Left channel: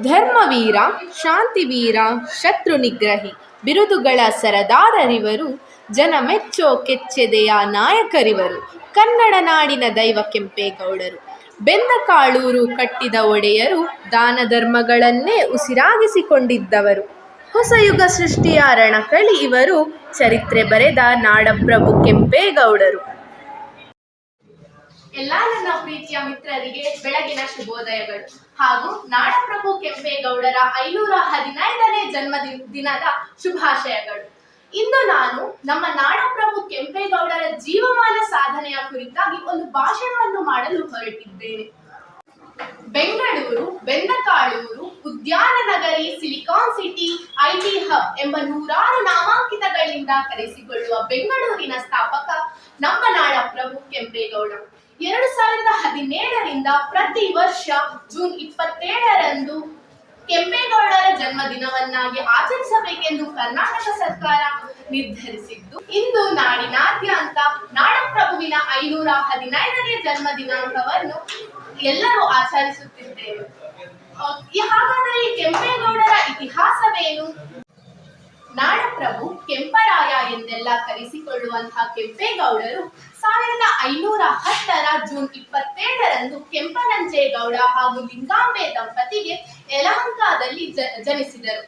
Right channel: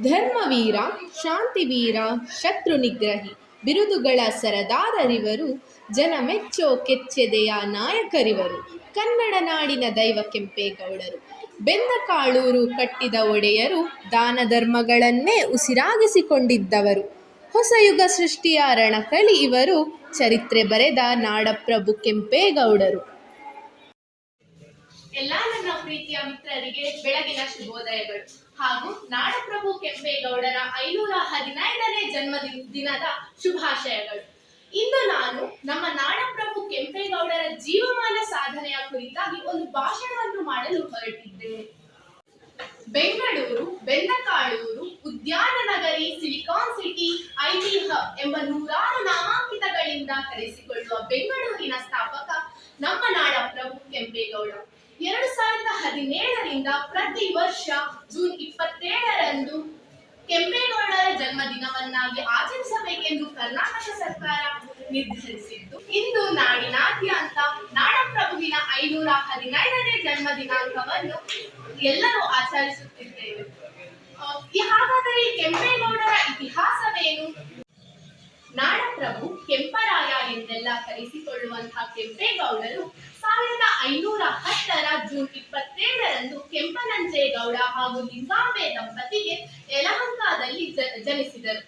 ಧರ್ಮವೀರ, ಶಾಂತಿವೀರ ಶತ್ರು ನಿಗ್ರಹಿ ಬಿರುದುಗಳ ಸರದಾರರಿವರು ಜನ ಮೆಚ್ಚೋ ಕೆಚ್ಚೆದೆಯ ನಾಯಕರಿವರು, ಕನ್ನಡ ನಾಡಿನ ದೈವ ಕೆಂಪೇಗೌಡರು ಬೆಂದ ಕಾಳೂರು ಕಟ್ಟಿದ ಒಡೆಯರು, ದಾನ ಧರ್ಮಗಳನ್ನೇ ಉಸಿರಾಗಿಸಿಕೊಂಡಿದ್ದವರು. ಹೊಸ ಯುಗ ಸೃಷ್ಟಿಯ ರಣಕಳಿ ಇವರು, ಚರಿತ್ರೆ ಬರೆದ ನಾಡಪ್ರಭು ಕೆಂಪೇಗೌಡರು ಎಲ್ಲ ನನ್ನ ಪ್ರೀತಿಯ ಮಿತ್ರರಿಗೆ ಬೆಳಗಿನ ಶುಭೋದಯಗಳು. ಹಾಗೂ ನಾಡಪ್ರಭು ಕೆಂಪೇಗೌಡರ ಐನೂರ ಹದಿನೈದನೇ ಜನ್ಮದಿನ ದಿನದ ಶುಭಾಶಯಗಳು. ಇಂದು ನಾನು ನಮ್ಮ ನಾಡಪ್ರಭು ಕೆಂಪೇಗೌಡರ ಜೀವಮಾನ ಸಾಧನೆಯ ಕುರಿತಾಗಿ ಒಂದು ಭಾಷಣವನ್ನು ಮಾಡಲು ಹೊರಟಿದ್ದೇನೆ. ಬೆಂಗಳೂರು, ಬೆಂದಕಾಳೂರು ಉದ್ಯಾನ ನಗರಿ ಸಿಲಿಕಾನ್ ಸಿಟಿ, ಐಟಿ ಹಬ್ ಎಂಬ ನೂರಾರು ನಾಮಾಂಕಿತಗಳಿಂದ ಕರೆಸಿಕೊಳ್ಳುವ ಬೆಂಗಳೂರಿನ ಸ್ಥಾಪಕ ನಮ್ಮ ನಾಡಪ್ರಭು ಕೆಂಪೇಗೌಡ. ಎರಡು ಸಾವಿರದ ಹದಿನೇಳರಿಂದ ಪ್ರತಿ ವರ್ಷ ಜೂನ್ ಇಪ್ಪತ್ತೇಳರಂದು ಕೆಂಪೇಗೌಡರ ಜನ್ಮದಿನವನ್ನಾಗಿ ಆಚರಿಸಬೇಕೆಂದು ಕರ್ನಾಟಕ ಸರ್ಕಾರ ನಿರ್ಧರಿಸಿದ್ದು, ಇಂದು ನಾಡಿನಾದ್ಯಂತ ನಾಡಪ್ರಭುವಿನ ಐನೂರ ಹದಿನೈದನೇ ಜನ್ಮ ದಿನಾಂಕವನ್ನು ಎಲ್ಲರೂ ಆಚರಿಸುತ್ತಿದ್ದೇವೆ. ಹಾಗಾದರೆ ಕೆಂಪೇಗೌಡರ ಇತಿಹಾಸವೇನು? ನಾಡಪ್ರಭು ಕೆಂಪರಾಯ ಎಂದೆಲ್ಲ ಕರೆಸಿಕೊಳ್ಳುವಂತಹ ಕೆಂಪೇಗೌಡರು ಸಾವಿರದ ಐನೂರ ಹತ್ತರ ಜೂನ್ ಇಪ್ಪತ್ತೇಳರಂದು ಕೆಂಪನಂಜೇಗೌಡ ಹಾಗೂ ಲಿಂಗಾಂಬೆ ದಂಪತಿಗೆ ಯಲಹಂಕದಲ್ಲಿ ಜನಿಸಿದರು.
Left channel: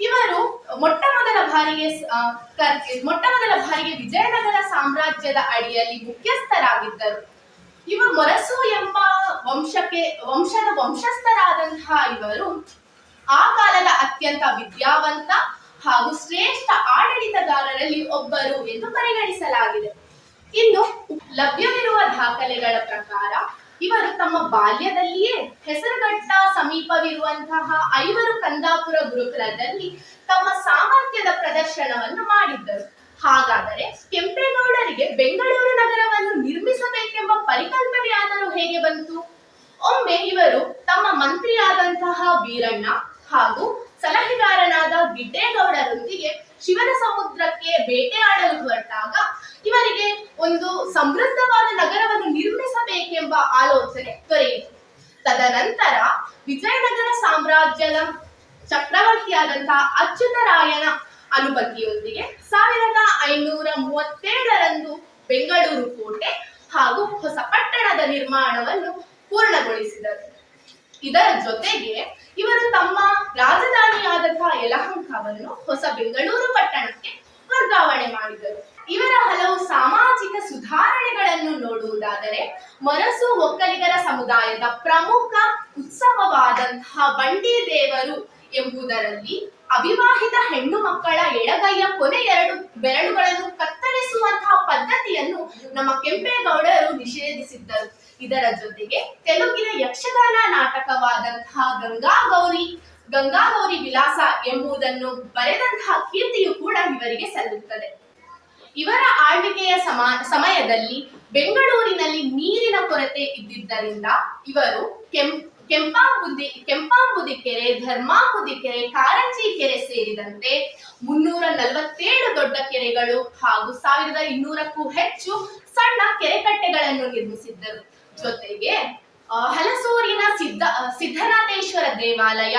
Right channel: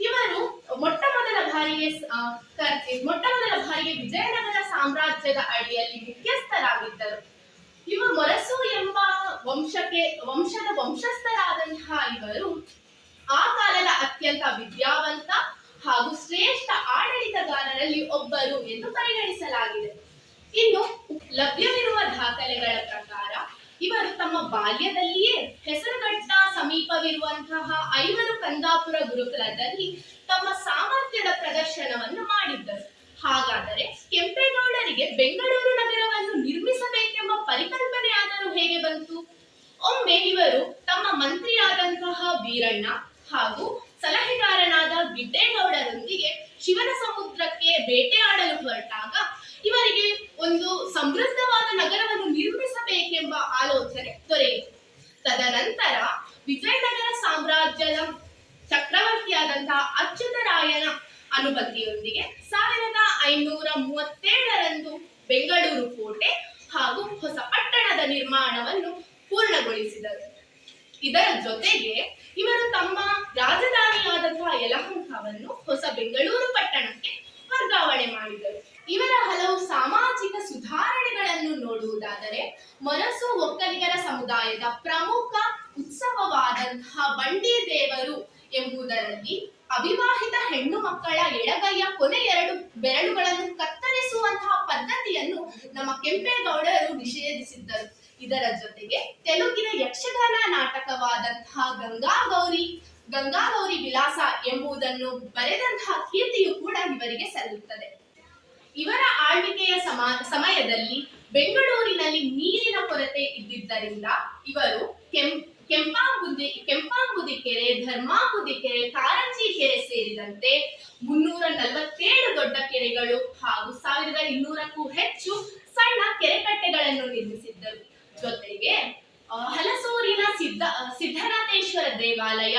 ಇವರು ಮೊಟ್ಟ ಮೊದಲ ಬಾರಿಗೆ ಮೊಟ್ಟ ಮೊದಲ ಬಾರಿಗೆ ವಿಜಯನಗರ ಸಾಮ್ರಾಜ್ಯದ ಅಡಿಯಲ್ಲಿ ಮುಖ್ಯಸ್ಥರಾಗಿದ್ದರು. ಇವರು ಮೊರಸು ಎಂಬ ವಂಶಕ್ಕೆ, ವಂಶದ ವಂಶಸ್ಥರಾದಂತಹ ಇವರು ಆ ಕಾಲದ ಅತ್ಯಂತ ವಿದ್ಯಾವಂತ ಹಾಗೂ ಶ್ರೇಷ್ಠ ಆಡಳಿತಗಾರರಲ್ಲಿ ಒಬ್ಬರು ಎಂದು ಪರಿಗಣಿಸಲಾಗಿದೆ. ಇನ್ನು ಲಭ್ಯವಿರುವ ದಾಖಲೆಗಳ ಪ್ರಕಾರ, ಇವರು ತಮ್ಮ ಬಾಲ್ಯದಲ್ಲಿಯೇ ಹೆಸರುಘಟ್ಟ ಸಮೀಪವಿರುವಂತಹ ಐವರು ಕಂದಾಪುರ ಗುರುಕುಲದಲ್ಲಿ ತಮ್ಮ ಸಾಮರ್ಥ್ಯದ ಪ್ರದರ್ಶನವನ್ನು ಮಾಡಿದ್ದರು. ಹಾಗಾದರೆ ಕೆಂಪೇಗೌಡರಿಗೆ ಬೆಂಗಳೂರು ನಗರವನ್ನು ನಿರ್ಮಿಸಬೇಕೆಂಬ ಪರಿಕಲ್ಪನೆ ಆದರೂ ಹೇಗೆ ಬಂತು? ಒಮ್ಮೆ ಇವರು ತಮ್ಮ ಮಂತ್ರಿಯಾದಂತಹ ವೀರಣ್ಣ ಹಾಗೂ ಸಲಹೆಗಾರನಾದ ಗಿಡ್ಡೇಗೌಡರೊಂದಿಗೆ ಶಿವನ ಸಮುದ್ರಕ್ಕೆ ಬೇಟೆಯಾಡಲು ಹೊರಟಾಗ ಇವರಿಗೆ ಒಂದು ಸಮೃದ್ಧವಾದ ನಗರವನ್ನು ನಿರ್ಮಿಸಬೇಕೆಂಬ ಆಲೋಚನೆ ದೊರೆಯಿತು. ತದನಂತರ ವಿಜಯನಗರ ಸಾಮ್ರಾಜ್ಯದ ಚಕ್ರವರ್ತಿಯಾದಂತಹ ಅಚ್ಯುತರಾಯನ ಅನುಮತಿಯೊಂದಿಗೆ ಸಾವಿರದ ಐನೂರ ಮೂವತ್ತೇಳರಂದು ಬೆಂಗಳೂರು ಕೋಟೆ ಹಾಗೂ ಹೊಸ ಪಟ್ಟಣದ ನಿರ್ಮಾಣವನ್ನು ಪೂರ್ಣಗೊಳಿಸಿದರು. ಇದರ ಜೊತೆಗೆ ಇವರು ತಮ್ಮ ರಾಜಧಾನಿಯಾದಂತಹ ಯಲಹಂಕವನ್ನು ಹೊಸ ಬೆಂಗಳೂರು ಪಟ್ಟಣಕ್ಕೆ ವರ್ಗಾವಣೆ ಮಾಡಿದರು. ಇವರ ಹಲವು ಸಾಮಾಜಿಕ ಸುಧಾರಣೆಗಳನ್ನು ನೋಡುವುದಾದರೆ ಮರಸು ಒಕ್ಕಲಿಗರ ಸಮುದಾಯದ ಪ್ರಮುಖ ಉತ್ಸವವಾದಂತಹ ಬಂಡಿ ದೇವರು ಎಂಬುದರಲ್ಲಿ ಅವಿವಾಹಿತ ಹೆಣ್ಣು ಮಕ್ಕಳ ಎಡಗೈಯ ಕೊನೆ ಎರಡು ಬೆರಳುಗಳನ್ನು ಕತ್ತರಿಸುವಂತಹ ಪದ್ಧತಿಯನ್ನು ನಮ್ಮ ಕೆಂಪೇಗೌಡರು ನಿಷೇಧಿಸಿದ್ದರು. ಇದರ ಜೊತೆಗೆ ತೆಲುಗಿನ ಯಕ್ಷಗಾನ ನಾಟಕವಾದಂತಹ ಗಂಗಾ ಗೌರಿ ಗಂಗಾ ಗೌರಿ ವಿಲಾಸ ಎಂಬುದನ್ನು ಬರೆದಂತಹ ಕೀರ್ತಿಯು ಕೂಡ ಇವರಿಗೆ ಸಲ್ಲುತ್ತದೆ. ಇವರ ಆಳ್ವಿಕೆಯ ಸಮ, ಸಮಯದಲ್ಲಿ ಬೆಂಗಳೂರಿನಲ್ಲಿ ನೀರಿನ ಕೊರತೆ ಇದ್ದಿದ್ದರಿಂದ ಇವರು ಕೆಂ, ಕೆಂಪಾಂಬುದಿ ಕೆಂಪಾಂಬುದಿ ಕೆರೆ, ಧರ್ಮಾಂಬುದಿ ಕೆರೆ, ಕಾರಂಜಿ ಕೆರೆ ಸೇರಿದಂತೆ ಮುನ್ನೂರ ನಲವತ್ತೇಳು ದೊಡ್ಡ ಕೆರೆಗಳು ಹಾಗೂ ಸಾವಿರದ ಇನ್ನೂರಕ್ಕೂ ಹೆಚ್ಚು ಸಣ್ಣ ಕೆರೆಕಟ್ಟೆಗಳನ್ನು ನಿರ್ಮಿಸಿದ್ದರು. ಜೊತೆಗೆ ಹಲಸೂರಿನ ಸಿದ್ಧ ಸಿದ್ಧನಾಥೇಶ್ವರ ದೇವಾಲಯ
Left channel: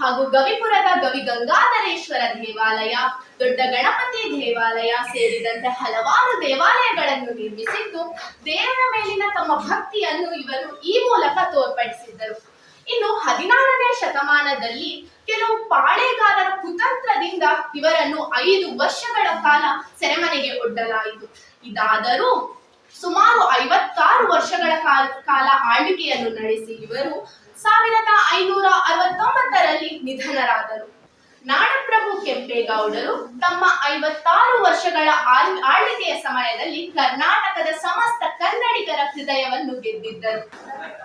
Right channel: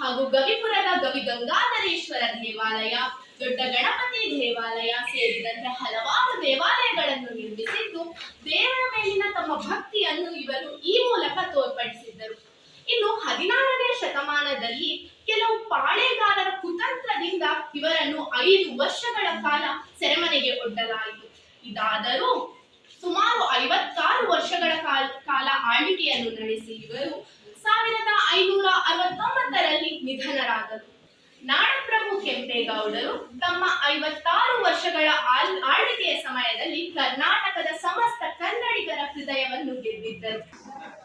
ಹಾಗೂ ಗವಿಪುರದ ಗವಿ ಗಂಗಾಧರೇಶ್ವರ ದೇವಾಲಯ, ದೊಡ್ಡ ಗಣಪತಿ ದೇವಾಲಯ ಸೇರಿದಂತೆ ಹಲವಾರು ದೇವಾಲಯಗಳನ್ನು ನಿರ್ಮಿಸಿದ್ದು, ದೇವರ ಮೇಲಿನ ತಮ್ಮ ಭಕ್ತಿಯನ್ನು ಇವರು ಈ ಮೂಲಕ ತೋರ್ಪಡಿಸಿದ್ದರು. ಇನ್ನು ಹದಿನಾರನೇ ಶತಮಾನದಲ್ಲಿ ಕೆಲವು ಪಾಳೆಗಾರರ ಕುತಂತ್ರದಿಂದ ಇವರನ್ನು ಐದು ವರ್ಷಗಳ ಕಾಲ ಸೆರೆಮನೆಗೆ ಒಡ್ಡಲಾಯಿತು. ಇದಾದರೂ ಸುಮಾರು ಐವತ್ತಾರು ವರ್ಷಗಳ ಕಾಲ ಆಳ್ವಿಕೆಯನ್ನು ನಡೆಸಿ ಇವರು ಸಾವಿರದ ಐನೂರ ಅರವತ್ತೊಂಬತ್ತರಲ್ಲಿ ನಿಧನರಾದರು. ನಾಡಪ್ರಭು ಕೆಂಪೇಗೌಡರು ತಮ್ಮ ಐವತ್ತಾರು ವರ್ಷಗಳ ಆಳ್- ಆಳ್ವಿಕೆಯ ಸಮಯದಲ್ಲಿ ಕರ್ನಾಟಕದ ಸಮಸ್ತ ಕನ್ನಡಿಗರ ಹೃದಯವನ್ನು ಗೆದ್ದಿದ್ದರು.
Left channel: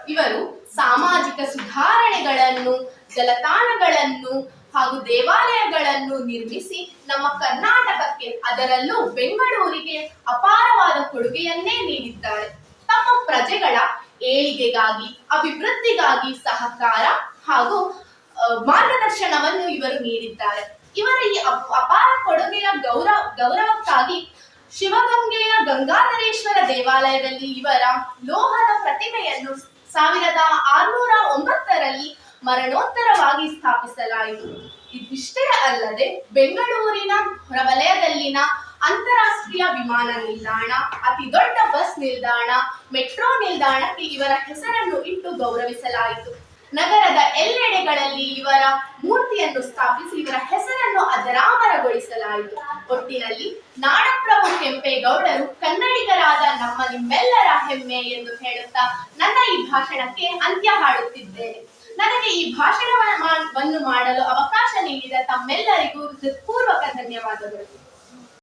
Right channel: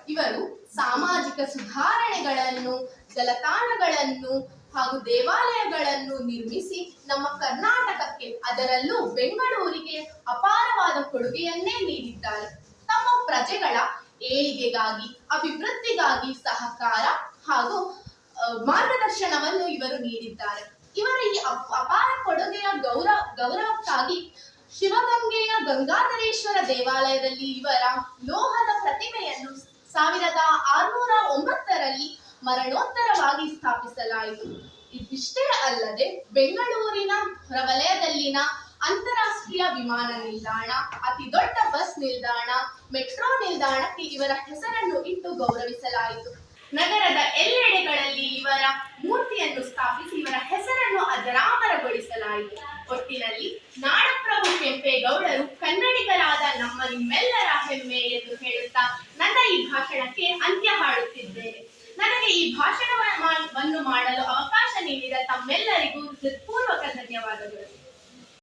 ಇವರು ಸಾಮಾಜಿಕ ಸುಧಾರಣೆಗಳನ್ನು, ಜಲತಾಣಗಳನ್ನು ಹಾಗೂ ದೇವಾಲಯಗಳನ್ನು ನಿರ್ಮಿಸಿ ನಮ್ಮ ಕರ್ನಾಟಕಕ್ಕೆ ಅದರಲ್ಲೂ ಬೆಂಗಳೂರಿಗೆ ಅಪಾರವಾದ ಕೊಡುಗೆಯನ್ನೇ ನೀಡಿದ್ದಾರೆ. ತಮ್ಮ ಪ್ರಜೆಗಳ ಏಳಿಗೆಗಾಗಿ, ಅಭಿವೃದ್ಧಿಗಾಗಿ ಸಹಕಾರ ಹಾಗೂ ಮಾರ್ಗದರ್ಶನವನ್ನು ಇವರು ನೀಡಿದ್ದಾರೆ. ಇವರ ಈ ಅಪ್- ಅಪಾರ ಕೊಡುಗೆಯ ಗೌರವ, ಗೌರವಕ್ಕಾಗಿ ಶಿವಗಂಗೆಯ ಗಂಗಾಧರೇಶ್ವರ ದೇವಾಲಯದಲ್ಲಿ ಇವರ ಲೋಹದ ಪ್ರತಿಮೆಯನ್ನು ಸಾವಿರದ ಆರುನೂರ ಒಂಬತ್ತರಲ್ಲಿ ಮರಣೋತ್ತರವಾಗಿ ಸ್ಥಾಪಿಸಲಾಯಿತು. ಇದಿಷ್ಟೇ ಅಲ್ಲದೆ ಬೆಂಗಳೂರಿನ ಹೊರವಲಯದಲ್ಲಿನ ಅಂತಾರಾಷ್ಟ್ರೀಯ ವಿಮಾನ ನಿಲ್ದಾಣ, ಅತಿ ದೊಡ್ಡ ಬಸ್ ನಿಲ್ದಾಣ, ಮೆಟ್ರೋ ನಿಲ್ದಾಣಕ್ಕೆ ಇವರ ಹೆಸರನ್ನು ಇಟ್ಟು ಗೌರವಿಸಲಾಯಿತು. ನಗರದ ಎಲ್ಲೆಡೆಗಳಲ್ಲಿ ಇವರ ಮೂರ್ತಿಯನ್ನು ಸ್ಥಾಪಿಸಿ ಇವರ ಹೆಸರನ್ನು ಅಜರಾಮರಗೊಳಿಸಲಾಯಿತು ಒಟ್ಟಿನಲ್ಲಿ ನಾಡಪ್ರಭು ಕೆಂಪೇಗೌಡರು ಕನ್ನಡಿಗರಾದ ನಮ್ಮ ನಿಮ್ಮೆಲ್ಲರ ಹೆಮ್ಮೆ ಎಂದು ಹೇಳುತ್ತಾ ನನ್ನ ಈ ಭಾಷಣಕ್ಕೆ ಅಂತ್ಯ ಹಾಡುತ್ತಿದ್ದೇನೆ. ನನಗೆ ಈ ಭಾಷಣವನ್ನು ಮಾಡಲು ಅವಕಾಶ ನೀಡಿದ ತಮ್ಮೆಲ್ಲರಿಗೂ ಹೃತ್ಪೂರ್ವಕ ಧನ್ಯವಾದಗಳು.